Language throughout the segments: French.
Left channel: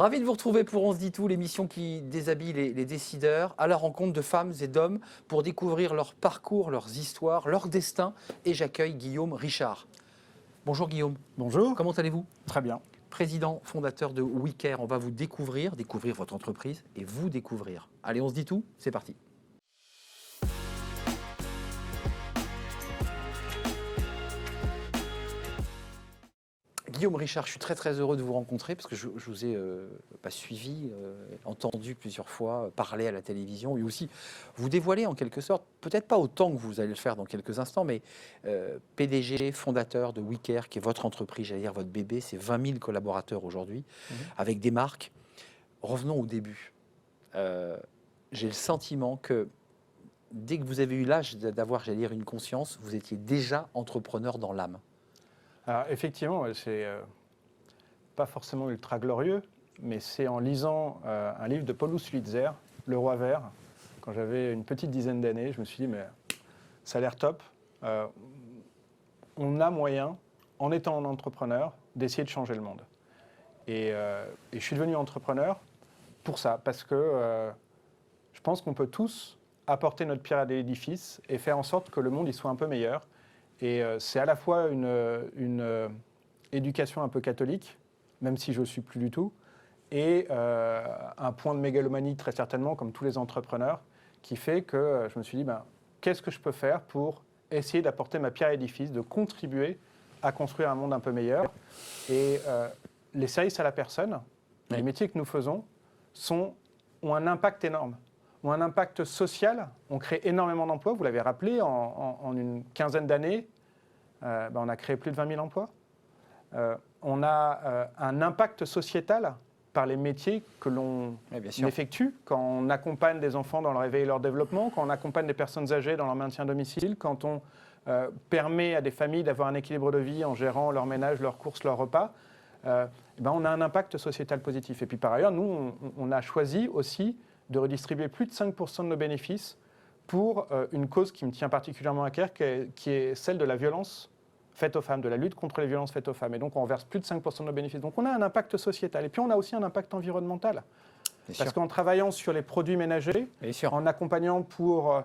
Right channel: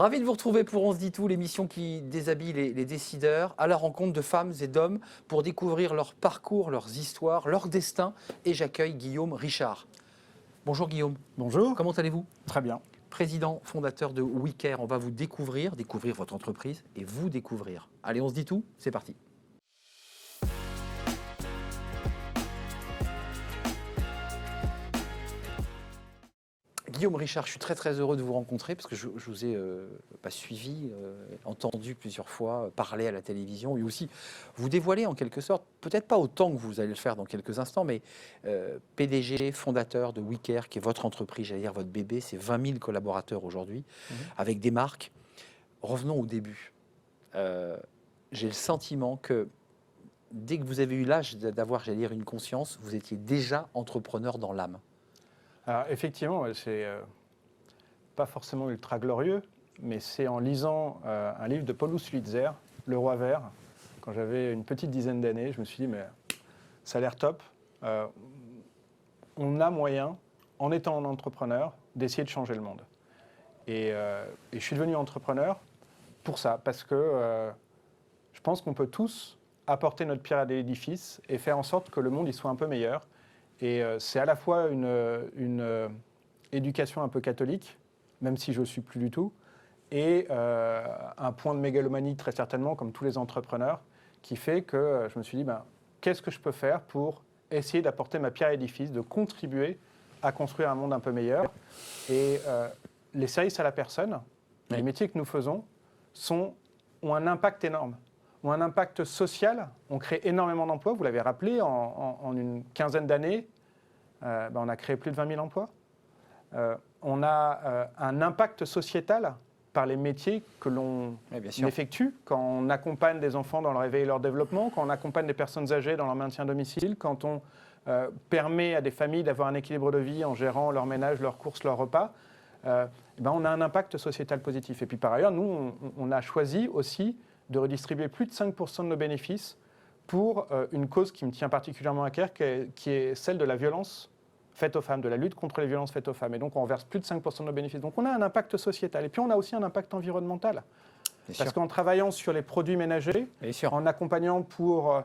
Ravi de vous retrouver pour On se dit tout, l'émission qui déshabille les décideurs à la rencontre de femmes et d'hommes pour découvrir leur parcours, leurs histoires, leur destin. Et j'accueille Guillaume Richard. Bonjour Guillaume. Bonjour. Comment allez-vous? Très bien. Président, fondateur de WeCare. On va vous découvrir votre entreprise et vous découvrir. Allez, on se dit tout, c'est parti. Guillaume Richard, je suis très heureux de vous rencontrer parce que je vous ai suivi, entendu plusieurs fois, parler à la télévision et aussi vous dévoiler en quelque sorte, peut-être pas autant que vous allez le faire dans quelques instants, mais PDG, fondateur de WeCare, qui est votre entreprise, j'allais dire votre bébé, c'est 20 000 collaborateurs aujourd'hui, avec des marques. Revenons au début. J'ai le sentiment que dès que vous avez eu l'âge d'avoir, j'allais dire, une conscience, vous étiez déjà entrepreneur dans l'âme. Alors effectivement, c'est pas forcément ultra glorieux, mais c'est en lisant un livre de Paulus Lutzer, Le Roi Vert, quand j'avais une petite dizaine d'années, je me suis dit, mais ça a l'air top. On a moyen, en étant un entrepreneur, d'essayer de changer le monde. Et je suis devenu entrepreneur pour ça, parce que je pense qu'on peut tous apporter notre pierre à l'édifice et faire en sorte que le monde y soit un peu meilleur. Et c'est à la fois une éducation un peu catholique, même si je ne le suis plus du tout, et un point de mégalomanie très certainement, comme tous les entrepreneurs, qui fait que je me suis dit, qu'est-ce que je peux faire pour essayer d'apporter ma pierre à l'édifice, de contribuer à construire un monde un peu meilleur. Et les services à la personne, les métiers que nous faisons, ont un impact énorme, ont un impact social. On crée énormément d'emplois, vous l'avez rappelé, en une quinzaine d'années, on a créé plus de 20 000 emplois. On a un impact sociétal par les métiers que l'on effectue, quand on accompagne des enfants dans leur éveil et leur développement, quand on accompagne des personnes âgées dans leur maintien à domicile, quand on permet à des familles d'avoir un équilibre de vie en gérant leur ménage, leurs courses, leurs repas. On a un impact sociétal positif. Et puis par ailleurs, nous, on a choisi aussi de redistribuer plus de 5% de nos bénéfices pour une cause qui me tient particulièrement à cœur, qui est celle de la violence faite aux femmes, de la lutte contre les violences faites aux femmes. Et donc, on verse plus de 5% de nos bénéfices. Donc, on a un impact sociétal. Et puis, on a aussi un impact environnemental. Parce qu'en travaillant sur les produits ménagers, en accompagnant pour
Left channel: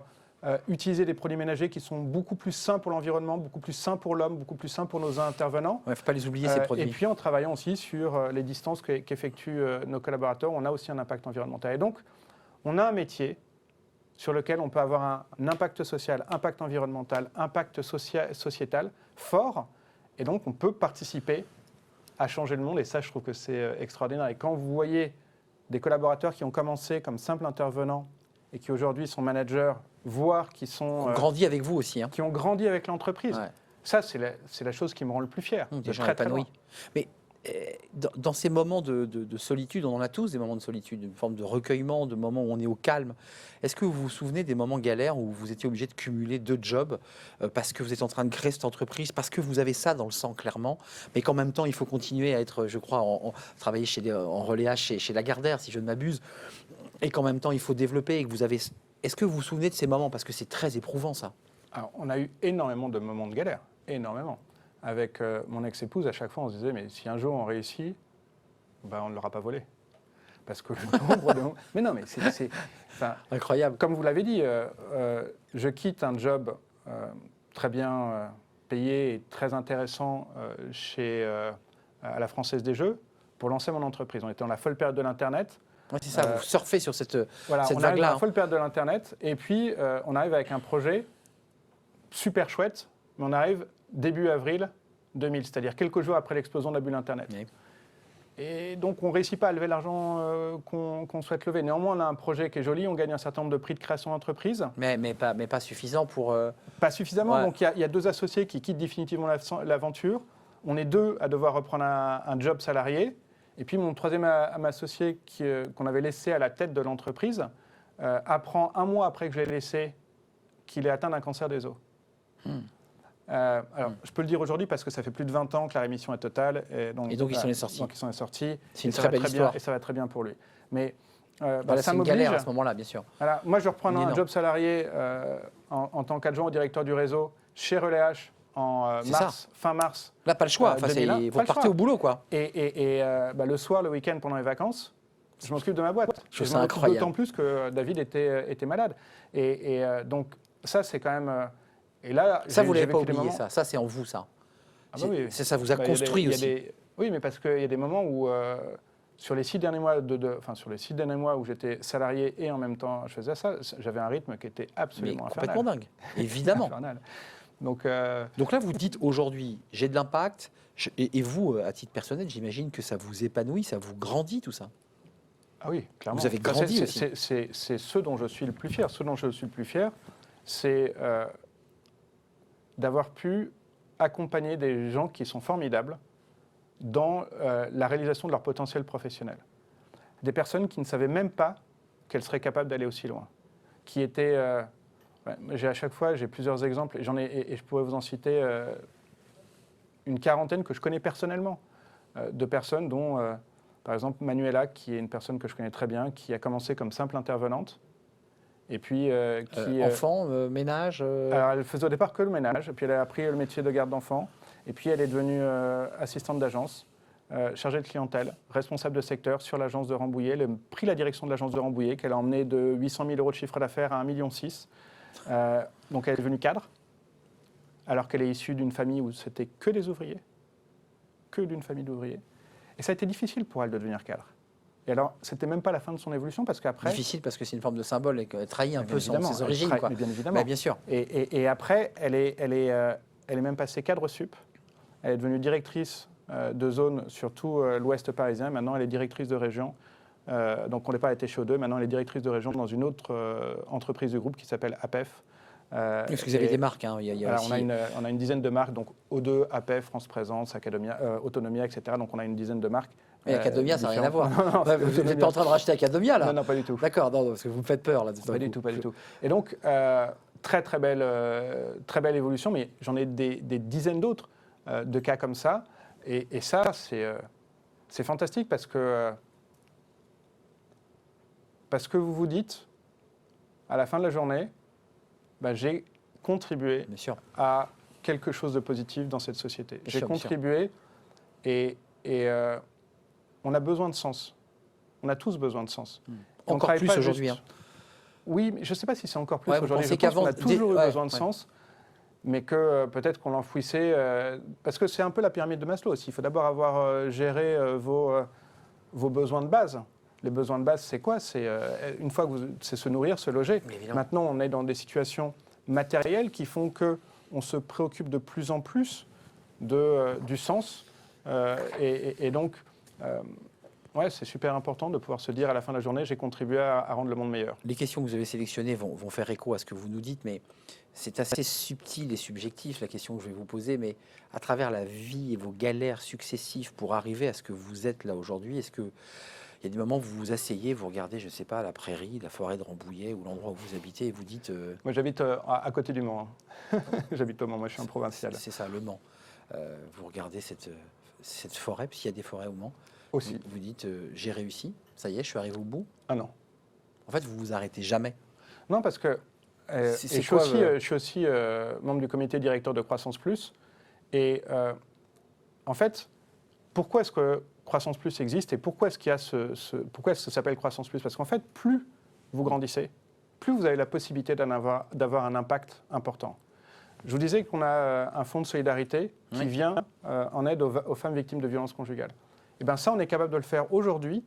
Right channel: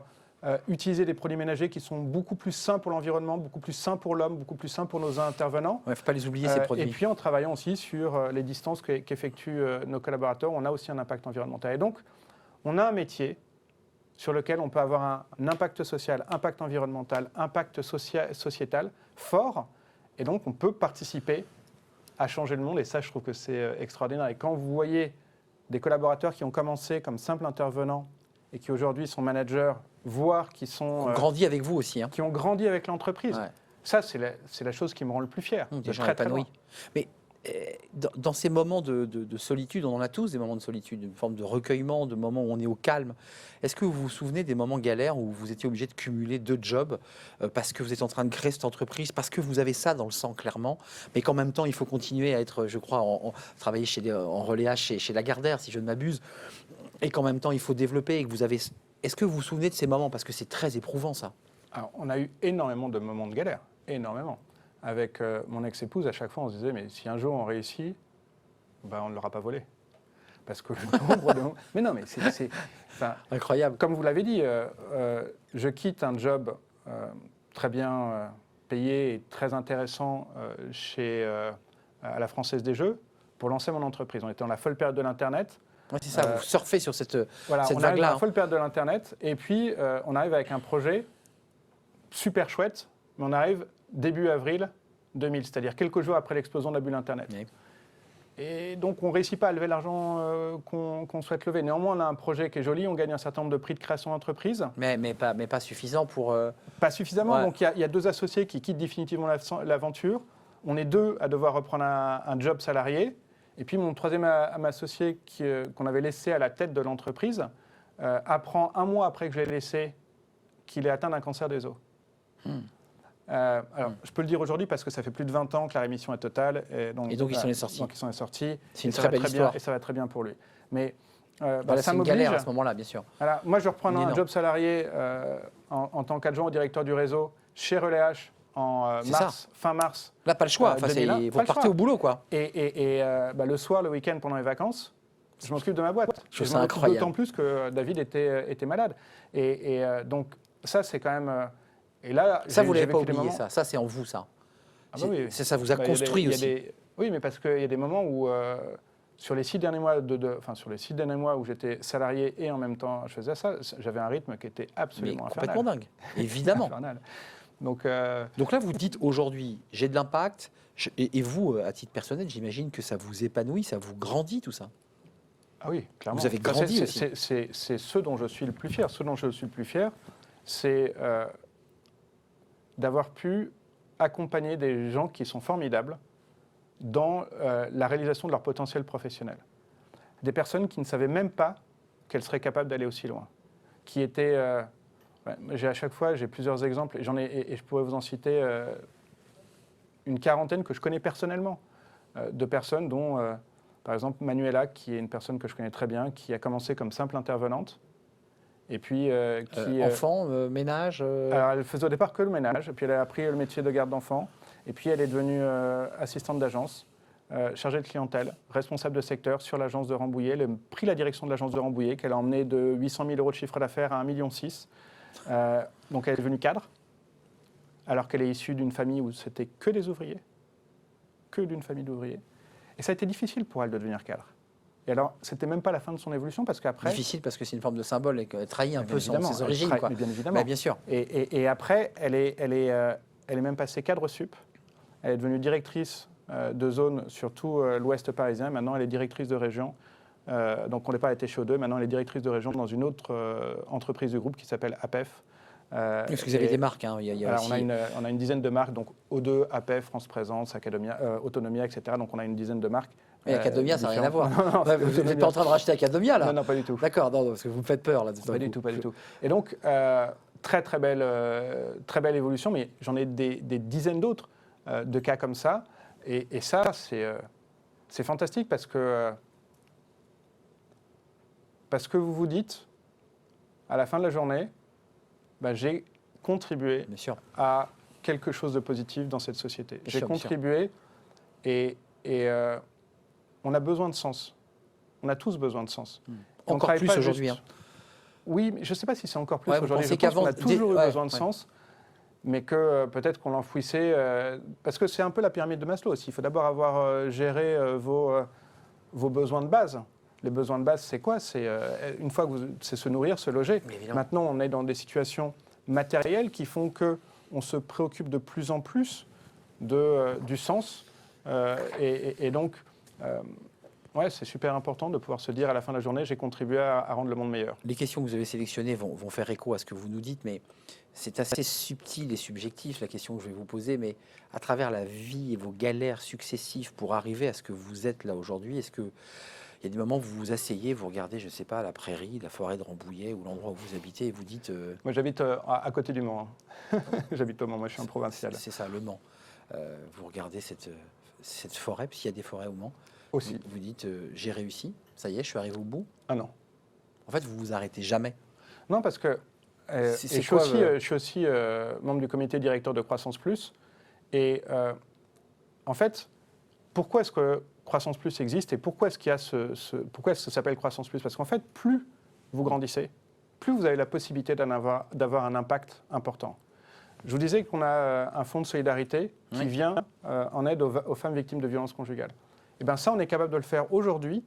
utiliser des produits ménagers qui sont beaucoup plus sains pour l'environnement, beaucoup plus sains pour l'homme, beaucoup plus sains pour nos intervenants. Il ne faut pas les oublier, ces produits. Et puis, en travaillant aussi sur les distances qu'effectuent nos collaborateurs, on a aussi un impact environnemental. Et donc, on a un métier sur lequel on peut avoir un impact social, impact environnemental, impact sociétal fort. Et donc, on peut participer à changer le monde. Et ça, je trouve que c'est extraordinaire. Et quand vous voyez des collaborateurs qui ont commencé comme simples intervenants et qui aujourd'hui sont managers, voire qui sont... Qui ont grandi avec vous aussi. Qui ont grandi avec l'entreprise. Ouais. Ça, c'est la chose qui me rend le plus fier. Des gens épanouis. Mais dans ces moments de solitude, on en a tous des moments de solitude, une forme de recueillement, de moments où on est au calme. Est-ce que vous vous souvenez des moments galères où vous étiez obligé de cumuler 2 jobs parce que vous êtes en train de créer cette entreprise, parce que vous avez ça dans le sang clairement, mais qu'en même temps il faut continuer à être, je crois, travailler en relais H chez Lagardère, si je ne m'abuse, et qu'en même temps il faut développer et que vous avez... Est-ce que vous vous souvenez de ces moments? Parce que c'est très éprouvant ça. Alors, on a eu énormément de moments de galère, énormément. Avec mon ex-épouse, à chaque fois, on se disait, mais si un jour on réussit, on ne l'aura pas volé. Parce que le nombre de... Mais non, mais c'est incroyable. Comme vous l'avez dit, je quitte un job très bien payé et très intéressant à la Française des Jeux pour lancer mon entreprise. On était dans la folle période de l'Internet. Ouais, c'est ça, vous surfez sur cette on vague-là. Arrive dans la folle période de l'Internet et puis on arrive avec un projet super chouette, mais on arrive début avril 2000, c'est-à-dire quelques jours après l'explosion de la bulle Internet. Oui. Et donc, on ne réussit pas à lever l'argent qu'on souhaite lever. Néanmoins, on a un projet qui est joli, on gagne un certain nombre de prix de création d'entreprise. Mais pas suffisant pour... Pas suffisamment, ouais. Donc il y a 2 associés qui quittent définitivement l'aventure. On est 2 à devoir reprendre un job salarié. Et puis, mon troisième associé qu'on avait laissé à la tête de l'entreprise apprend 1 mois après que je l'ai laissé qu'il est atteint d'un cancer des os. Alors, je peux le dire aujourd'hui parce que ça fait plus de 20 ans que la rémission est totale. Et donc, il s'en est sorti. Donc, il s'en est sorti. C'est une très belle histoire. Et ça va très bien pour lui. Mais c'est une galère à ce moment-là, bien sûr. Moi, je reprends un job salarié en tant qu'adjoint au directeur du réseau chez Relais H C'est ça. fin mars. Là, pas le choix. Enfin, 2001, vous pas le partez choix. au boulot, quoi. Et le soir, le week-end, pendant les vacances, je m'occupe de ma boîte. Je trouve Je ça m'en occupe incroyable. d'autant plus que David était malade. Donc, ça, c'est quand même. Et là, Ça, vous j'ai l'avez pas vécu des oublié, moments. ça. Ça, c'est en vous, ça. Ah bah oui. Ça vous a Bah, construit aussi. Oui, mais parce qu'il y a des moments où, sur les 6 derniers mois, enfin, sur les 6 derniers mois où j'étais salarié et en même temps je faisais ça, j'avais un rythme qui était Mais absolument complètement infernal. dingue. Évidemment. Infernal. Donc, Donc là, vous dites aujourd'hui, j'ai de l'impact. Et vous, à titre personnel, j'imagine que ça vous épanouit, ça vous grandit, tout ça. ah oui, clairement. Vous avez Ça, grandi aussi. c'est ce dont je suis le plus fier. Ce dont je suis le plus fier, c'est d'avoir pu accompagner des gens qui sont formidables dans la réalisation de leur potentiel professionnel. Des personnes qui ne savaient même pas qu'elles seraient capables d'aller aussi loin. Qui étaient... à chaque fois, j'ai plusieurs exemples, et je pourrais vous en citer une quarantaine que je connais personnellement, de personnes dont, par exemple, Manuela, qui est une personne que je connais très bien, qui a commencé comme simple intervenante, et puis qui... Enfants, ménage. alors, elle faisait au départ que le ménage, et puis elle a appris le métier de garde d'enfants, et puis elle est devenue assistante d'agence, chargée de clientèle, responsable de secteur sur l'agence de Rambouillet. Elle a pris la direction de l'agence de Rambouillet, qu'elle a emmenée de 800 000 € de chiffre d'affaires à 1,6 million. Donc elle est devenue cadre, alors qu'elle est issue d'une famille où c'était que des ouvriers, que d'une famille d'ouvriers. Et ça a été difficile pour elle de devenir cadre. Et alors, c'était même pas la fin de son évolution, parce qu'après... Difficile parce que c'est une forme de symbole et qu'elle trahit un peu ses origines, elle quoi. bien évidemment. Mais bien sûr. Et après, elle est même passée cadre sup. Elle est devenue directrice de zone sur tout l'ouest parisien. Maintenant, elle est directrice de région. Donc, au départ, elle était chez O2. Maintenant, elle est directrice de région dans une autre entreprise du groupe qui s'appelle APEF. Parce que vous avez des marques, hein. Il y a Alors, aussi... on a une dizaine de marques, donc O2, APEF, France Présence, Academia, Autonomia, etc. Donc, on a une dizaine de marques. Mais Academia, ça n'a rien à voir. Non, Ouais, vous n'êtes pas en train de racheter Academia, là? Non, pas du tout. D'accord, non, parce que vous me faites peur, là. Pas du tout, pas du tout. Et donc, très belle évolution, mais j'en ai des dizaines d'autres de cas comme ça. Et ça, c'est fantastique parce que vous vous dites, à la fin de la journée, j'ai contribué Bien sûr. à quelque chose de positif dans cette société. J'ai contribué et on a besoin de sens. On a tous besoin de sens. Encore plus aujourd'hui. Hein. Oui, mais je ne sais pas si c'est encore plus Ouais, aujourd'hui. Je pense qu'avant, qu'on a toujours eu besoin de sens, mais que peut-être qu'on l'enfouissait. Parce que c'est un peu la pyramide de Maslow aussi. Il faut d'abord avoir géré vos besoins de base. Les besoins de base, c'est quoi? C'est une fois que c'est se nourrir, se loger. Maintenant, on est dans des situations matérielles qui font qu'on se préoccupe de plus en plus du sens. Et donc, ouais, c'est super important de pouvoir se dire à la fin de la journée, j'ai contribué à rendre le monde meilleur. Les questions que vous avez sélectionnées vont faire écho à ce que vous nous dites, mais c'est assez subtil et subjectif la question que je vais vous poser, mais à travers la vie et vos galères successives pour arriver à ce que vous êtes là aujourd'hui, est-ce qu'il y a des moments où vous vous asseyez, vous regardez, je ne sais pas, la prairie, la forêt de Rambouillet ou l'endroit où vous habitez et vous dites... Moi j'habite à côté du Mans. Hein. J'habite au Mans, moi je suis un provincial. C'est ça, le Mans. Vous regardez cette forêt, puisqu'il y a des forêts au Mans. Aussi. Vous dites, j'ai réussi, ça y est, je suis arrivé au bout. Ah non. En fait, vous vous arrêtez jamais. Non, parce que je suis aussi membre du comité directeur de Croissance Plus. Et en fait, pourquoi est-ce que Croissance Plus existe et pourquoi est-ce qu'il y a pourquoi est-ce que ça s'appelle Croissance Plus? Parce qu'en fait, plus vous grandissez, plus vous avez la possibilité d'avoir un impact important. Je vous disais qu'on a un fonds de solidarité qui vient en aide aux femmes victimes de violences conjugales. Et bien ça, on est capable de le faire aujourd'hui,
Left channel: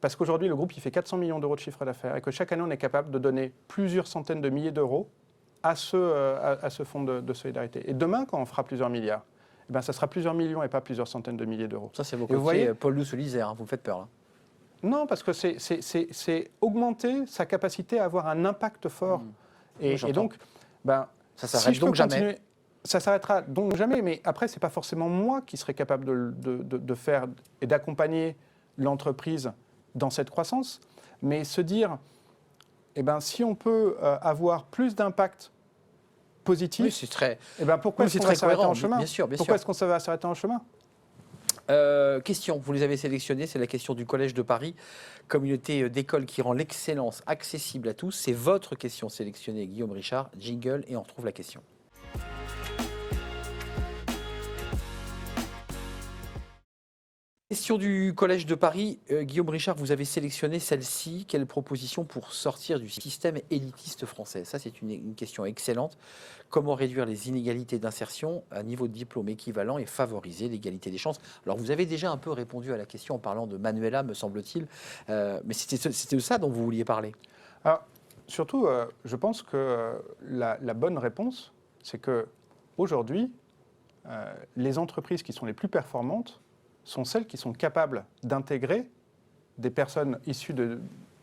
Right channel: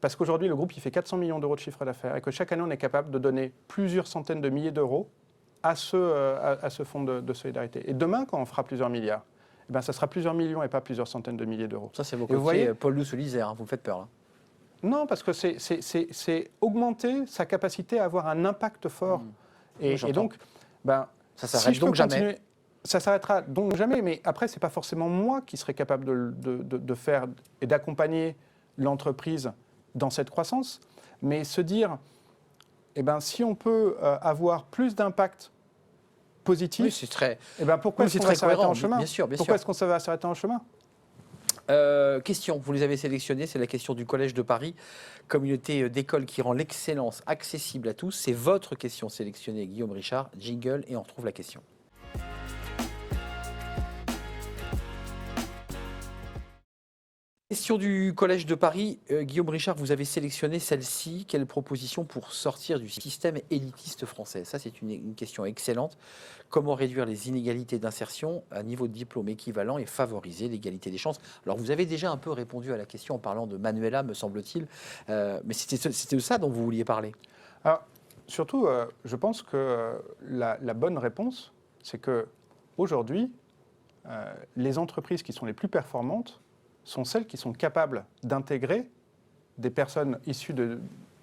parce qu'aujourd'hui, le groupe il fait 400 millions d'euros de chiffre d'affaires et que chaque année, on est capable de donner plusieurs centaines de milliers d'euros à ce fonds de solidarité. Et demain, quand on fera plusieurs milliards, eh ben, ça sera plusieurs millions et pas plusieurs centaines de milliers d'euros. Ça, c'est vos côtés Paul Lousse-Lisère, hein, vous me faites peur. Là. Non, parce que c'est augmenter sa capacité à avoir un impact fort. Et donc, ça s'arrête donc jamais. Ça s'arrêtera donc jamais, mais après, ce n'est pas forcément moi qui serai capable de faire et d'accompagner l'entreprise dans cette croissance, mais se dire, si on peut avoir plus d'impact positif, oui, c'est très, pourquoi est-ce qu'on va s'arrêter en chemin? Bien sûr. Pourquoi est-ce qu'on va s'arrêter en chemin? Question, vous les avez sélectionnés, c'est la question du Collège de Paris, communauté d'école qui rend l'excellence accessible à tous. C'est votre question sélectionnée, Guillaume Richard, jingle, et on retrouve la question. Question du Collège de Paris. Guillaume Richard, vous avez sélectionné celle-ci. Quelle proposition pour sortir du système élitiste français? Ça, c'est une question excellente. Comment réduire les inégalités d'insertion à niveau de diplôme équivalent et favoriser l'égalité des chances? Alors, vous avez déjà un peu répondu à la question en parlant de Manuela, me semble-t-il, mais c'était de ça dont vous vouliez parler. Alors, surtout, je pense que la bonne réponse, c'est que aujourd'hui, les entreprises qui sont les plus performantes sont celles qui sont capables d'intégrer des personnes issues de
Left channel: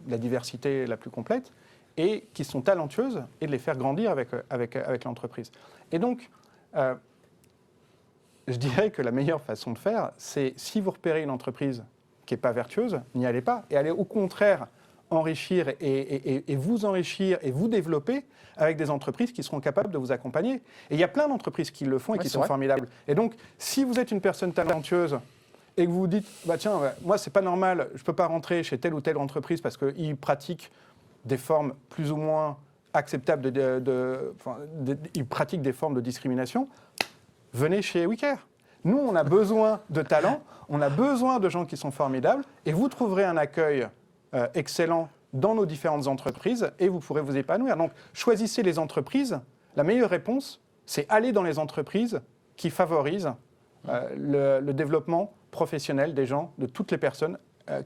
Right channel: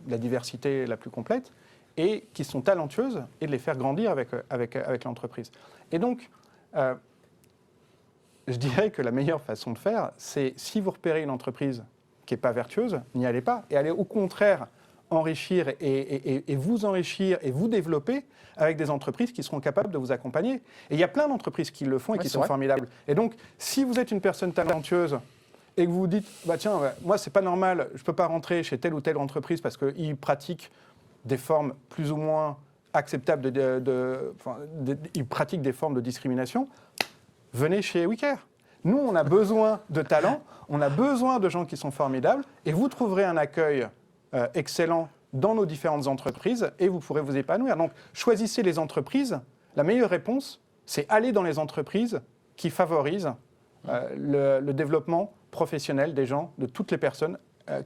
la diversité la plus complète et qui sont talentueuses et de les faire grandir avec l'entreprise. Et donc, je dirais que la meilleure façon de faire, c'est si vous repérez une entreprise qui n'est pas vertueuse, n'y allez pas et allez au contraire enrichir et vous enrichir et vous développer avec des entreprises qui seront capables de vous accompagner. Et il y a plein d'entreprises qui le font et Ouais, qui c'est sont vrai. formidables. Et donc, si vous êtes une personne talentueuse et que vous vous dites, bah tiens, moi c'est pas normal, je ne peux pas rentrer chez telle ou telle entreprise parce qu'ils pratiquent des formes plus ou moins acceptables, ils pratiquent des formes de discrimination, venez chez WeCare. Nous, on a besoin de talents, on a besoin de gens qui sont formidables, et vous trouverez un accueil excellent dans nos différentes entreprises, et vous pourrez vous épanouir. Donc, choisissez les entreprises. La meilleure réponse, c'est aller dans les entreprises qui favorisent le développement professionnel des gens, de toutes les personnes,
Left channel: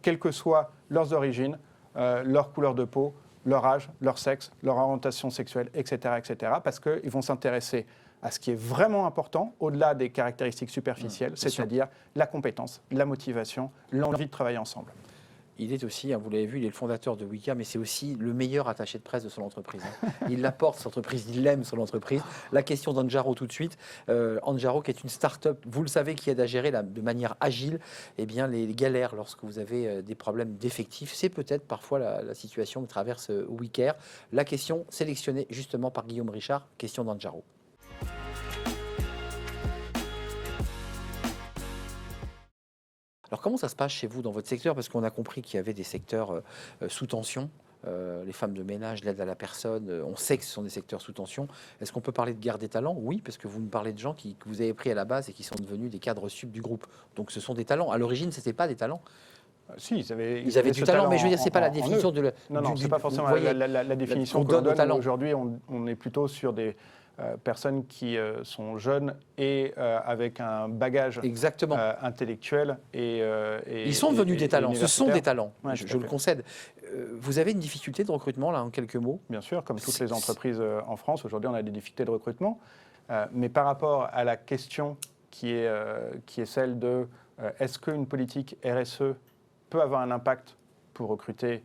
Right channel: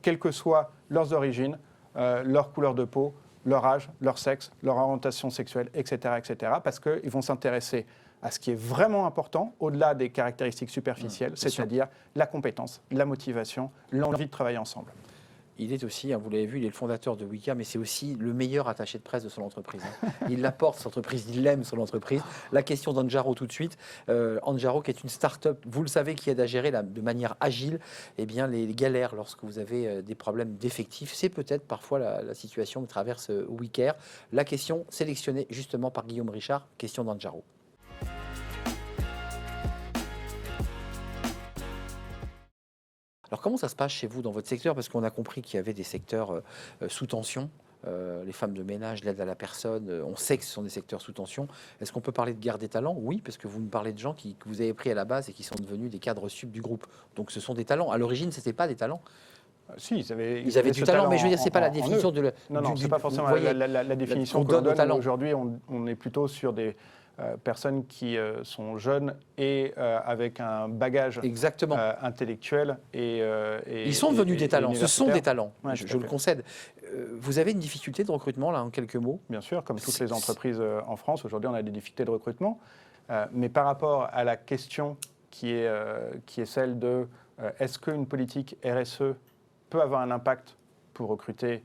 quelles que soient leurs origines, leur couleur de peau, leur âge, leur sexe, leur orientation sexuelle, etc., etc., parce qu'ils vont s'intéresser à ce qui est vraiment important, au-delà des caractéristiques superficielles, Bien sûr. c'est-à-dire la compétence, la motivation, l'envie de travailler ensemble. Il est aussi, vous l'avez vu, il est le fondateur de Wika, mais c'est aussi le meilleur attaché de presse de son entreprise. Il la porte, son entreprise, il aime son entreprise. La question d'Anjaro tout de suite. Anjaro, qui est une start-up, vous le savez, qui aide à gérer de manière agile eh bien, les galères lorsque vous avez des problèmes d'effectifs. C'est peut-être parfois la situation que traverse WeCare. La question sélectionnée justement par Guillaume Richard, question d'Anjaro. Alors comment ça se passe chez vous dans votre secteur? Parce qu'on a compris qu'il y avait des secteurs sous tension. Les femmes de ménage, l'aide à la personne, on sait que ce sont des secteurs sous tension. Est-ce qu'on peut parler de guerre des talents? Oui, parce que vous me parlez de gens que vous avez pris à la base et qui sont devenus des cadres sub du groupe. Donc ce sont des talents. À l'origine, ce n'était pas des talents. Si, Ils ils avaient avaient du ce talent, talent mais je veux dire, c'est pas la en eux. définition Non, non, ce n'est pas vous forcément voyez, la définition qu'on que l'on donne au donne. talent. Aujourd'hui, on est plutôt sur des personnes qui sont jeunes et avec un bagage Exactement. intellectuel Ils sont devenus des talents. Ce sont des universitaire. talents. Ouais, Je, tout je à le fait. concède. Vous avez une difficulté de recrutement là, en quelques mots? Bien sûr, comme toutes les C'est- entreprises en France, aujourd'hui, on a des difficultés de recrutement. Mais par rapport à la question qui est celle de est-ce qu'une politique RSE peut avoir un impact pour recruter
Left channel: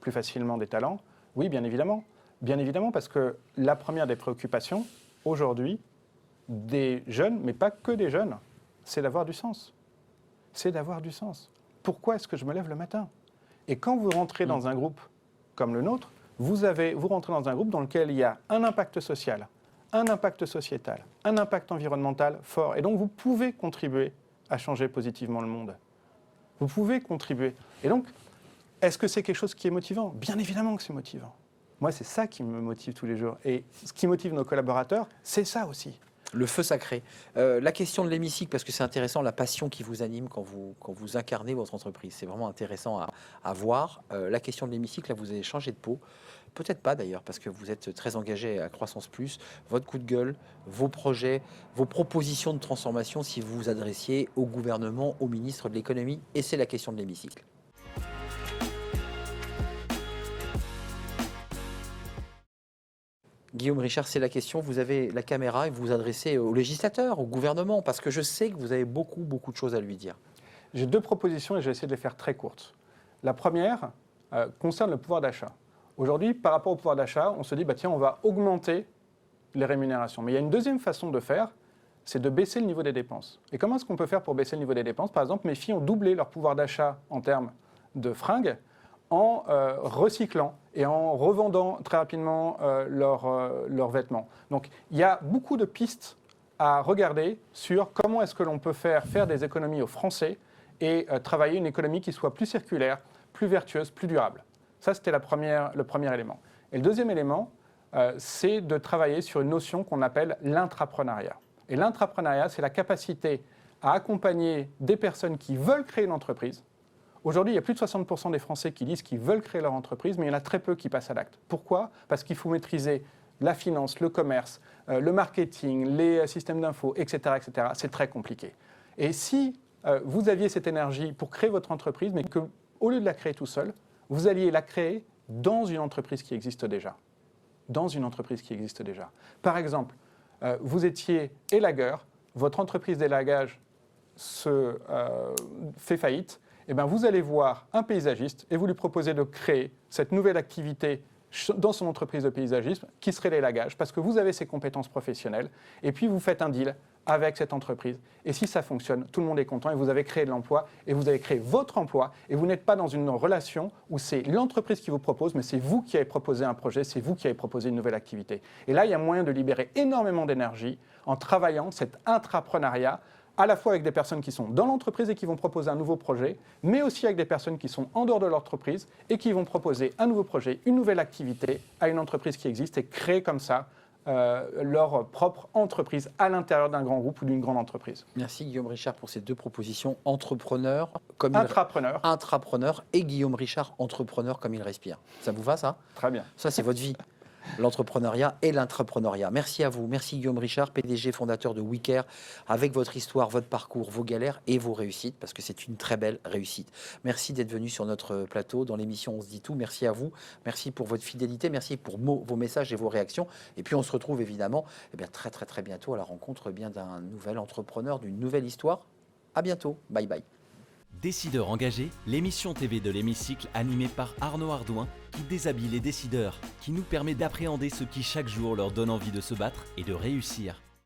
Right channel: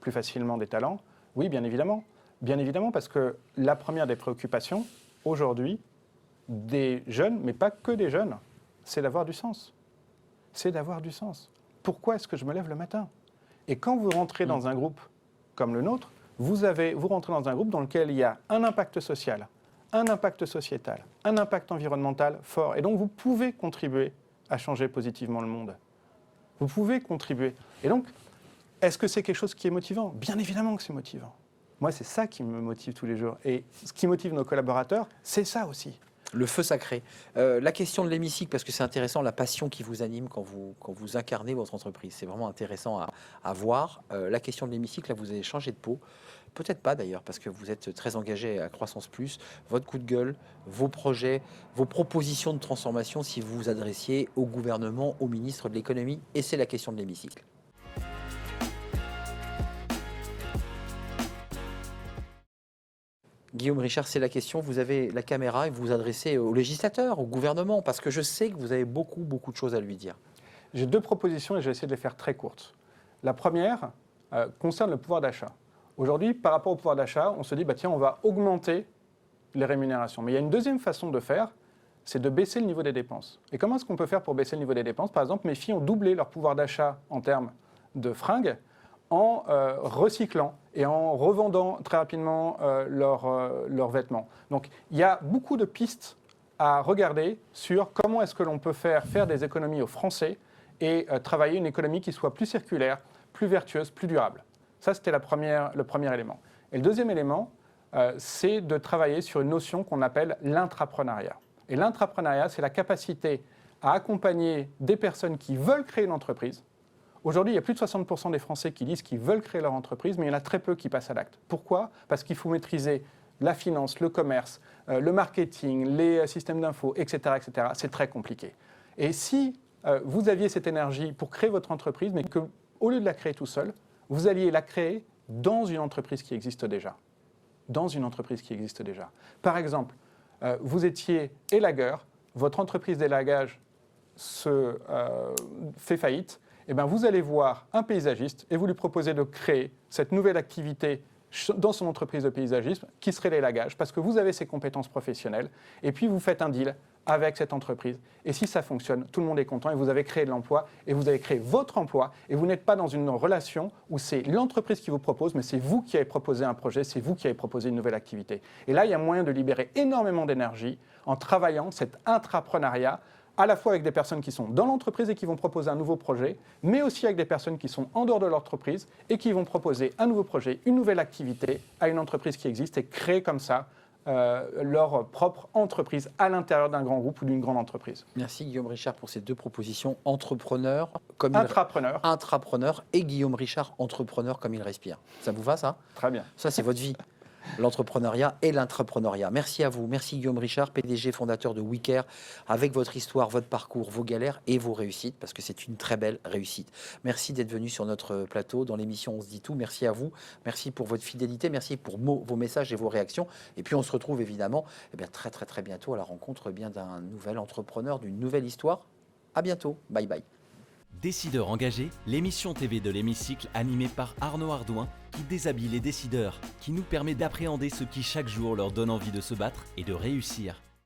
plus facilement des talents? Oui, bien évidemment. Bien évidemment, parce que la première des préoccupations, aujourd'hui, des jeunes, mais pas que des jeunes, c'est d'avoir du sens. C'est d'avoir du sens. Pourquoi est-ce que je me lève le matin? Et quand vous rentrez Mm. dans un groupe comme le nôtre, vous rentrez dans un groupe dans lequel il y a un impact social, un impact sociétal, un impact environnemental fort. Et donc vous pouvez contribuer à changer positivement le monde. Vous pouvez contribuer. Et donc, est-ce que c'est quelque chose qui est motivant? Bien évidemment que c'est motivant. Moi, c'est ça qui me motive tous les jours. Et ce qui motive nos collaborateurs, c'est ça aussi. Le feu sacré. La question de l'hémicycle, parce que c'est intéressant, la passion qui vous anime quand vous incarnez votre entreprise. C'est vraiment intéressant à voir. La question de l'hémicycle, là, vous avez changé de peau. Peut-être pas d'ailleurs, parce que vous êtes très engagé à Croissance Plus. Votre coup de gueule, vos projets, vos propositions de transformation, si vous vous adressiez au gouvernement, au ministre de l'économie, et c'est la question de l'hémicycle. Guillaume Richard, c'est la question. Vous avez la caméra et vous vous adressez au législateur, au gouvernement, parce que je sais que vous avez beaucoup, beaucoup de choses à lui dire. J'ai deux propositions et je vais essayer de les faire très courtes. La première concerne le pouvoir d'achat. Aujourd'hui, par rapport au pouvoir d'achat, on se dit, bah, tiens, on va augmenter les rémunérations. Mais il y a une deuxième façon de faire, c'est de baisser le niveau des dépenses. Et comment est-ce qu'on peut faire pour baisser le niveau des dépenses? Par exemple, mes filles ont doublé leur pouvoir d'achat en termes de fringues en recyclant et en revendant très rapidement leurs vêtements. Donc il y a beaucoup de pistes à regarder sur comment est-ce que l'on peut faire des économies aux Français et travailler une économie qui soit plus circulaire, plus vertueuse, plus durable. Ça, c'était le premier élément. Et le deuxième élément, c'est de travailler sur une notion qu'on appelle l'intrapreneuriat. Et l'intrapreneuriat, c'est la capacité à accompagner des personnes qui veulent créer une entreprise. Aujourd'hui, il y a plus de 60% des Français qui disent qu'ils veulent créer leur entreprise, mais il y en a très peu qui passent à l'acte. Pourquoi? Parce qu'il faut maîtriser la finance, le commerce, le marketing, les systèmes d'info, etc., etc. C'est très compliqué. Et si vous aviez cette énergie pour créer votre entreprise, mais qu'au lieu de la créer tout seul, vous alliez la créer dans une entreprise qui existe déjà. Dans une entreprise qui existe déjà. Par exemple, vous étiez élagueur, votre entreprise d'élagage fait faillite, et bien vous allez voir un paysagiste et vous lui proposez de créer cette nouvelle activité dans son entreprise de paysagisme qui serait l'élagage, parce que vous avez ses compétences professionnelles, et puis vous faites un deal avec cette entreprise. Et si ça fonctionne, tout le monde est content et vous avez créé de l'emploi et vous avez créé votre emploi et vous n'êtes pas dans une relation où c'est l'entreprise qui vous propose, mais c'est vous qui avez proposé un projet, c'est vous qui avez proposé une nouvelle activité. Et là, il y a moyen de libérer énormément d'énergie en travaillant cet intrapreneuriat à la fois avec des personnes qui sont dans l'entreprise et qui vont proposer un nouveau projet, mais aussi avec des personnes qui sont en dehors de l'entreprise et qui vont proposer un nouveau projet, une nouvelle activité à une entreprise qui existe et créer comme ça leur propre entreprise à l'intérieur d'un grand groupe ou d'une grande entreprise. Merci Guillaume Richard pour ces 2 propositions. Entrepreneur, intrapreneur et Guillaume Richard, entrepreneur comme il respire. Ça vous va ça? Très bien. Ça c'est votre vie. L'entrepreneuriat et l'intrapreneuriat. Merci à vous. Merci Guillaume Richard, PDG fondateur de WeCare, avec votre histoire, votre parcours, vos galères et vos réussites, parce que c'est une très belle réussite. Merci d'être venu sur notre plateau dans l'émission On se dit tout. Merci à vous. Merci pour votre fidélité. Merci pour vos messages et vos réactions. Et puis on se retrouve évidemment très très très bientôt à la rencontre d'un nouvel entrepreneur, d'une nouvelle histoire. À bientôt. Bye bye. Décideurs engagés, l'émission TV de l'Hémicycle animée par Arnaud Ardouin qui déshabille les décideurs, qui nous permet d'appréhender ce qui chaque jour leur donne envie de se battre et de réussir.